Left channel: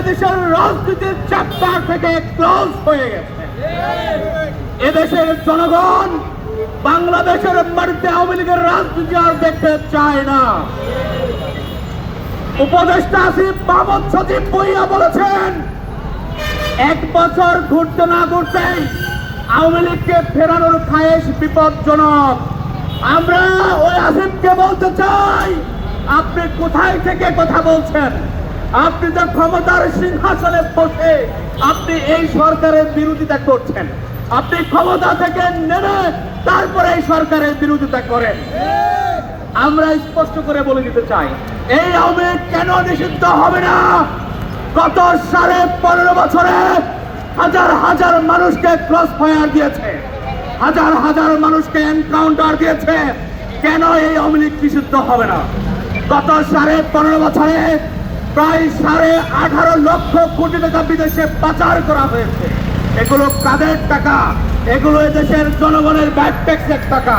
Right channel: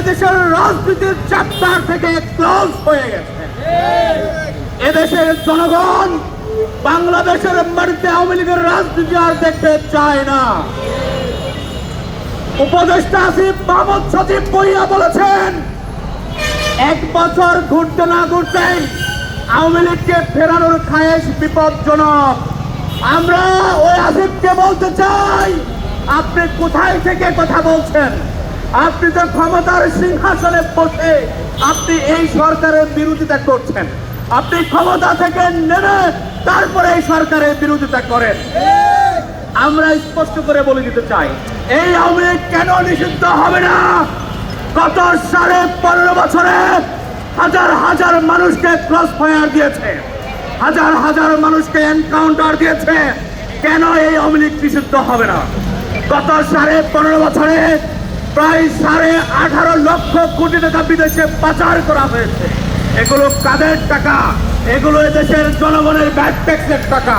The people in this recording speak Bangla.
এদেশের রাজনীতির চ্যাপ্টার থেকে ক্লোজ হয়ে গেছে। এদেশের জনগণ বাংলাদেশের বাড়িতে আওয়ামী লীগের রাজনীতি আর দেখতে চায় না। উপদেষ্টা আসিফ মাহমুদ সজীব ভুঁইয়া বলেছেন, 1 বছর ঘুরতে না ঘুরতেই আওয়ামী লীগকে ফেরানোর খায়েশ বিপজ্জনক। আমরা ওই আসিফকে বলতে চাই, আপনি কোথায় থেকে কথা বলছেন? আপনি যে ক্ষমতার সিংহাসনে বসে আপনি এই সরকারের বিরোধিতা করছেন। আপনি ক্ষমতা থেকে নেমে তারপরে এই সরকারের বিরোধিতা করেন। আমরা স্পষ্ট করে বলে দিতে চাই, এই আওয়ামী লীগ কেন নিষিদ্ধ হবে না? গত 15.5 বছরে হাজার হাজার মানুষকে ক্রস ফায়ার দিয়েছে, হাজার হাজার মানুষকে এনকাউন্টার দিয়েছে। কেন এই আওয়ামী লীগ নিষিদ্ধ হবে না? গত 15.5 বছরে প্রায় 18.5 লক্ষ কোটি টাকা বিদেশে পাচার করা হয়েছে। এগুলো কাদের টাকা? এগুলো দেশের জনগণের ব্যাড ট্যাক্সের টাকা।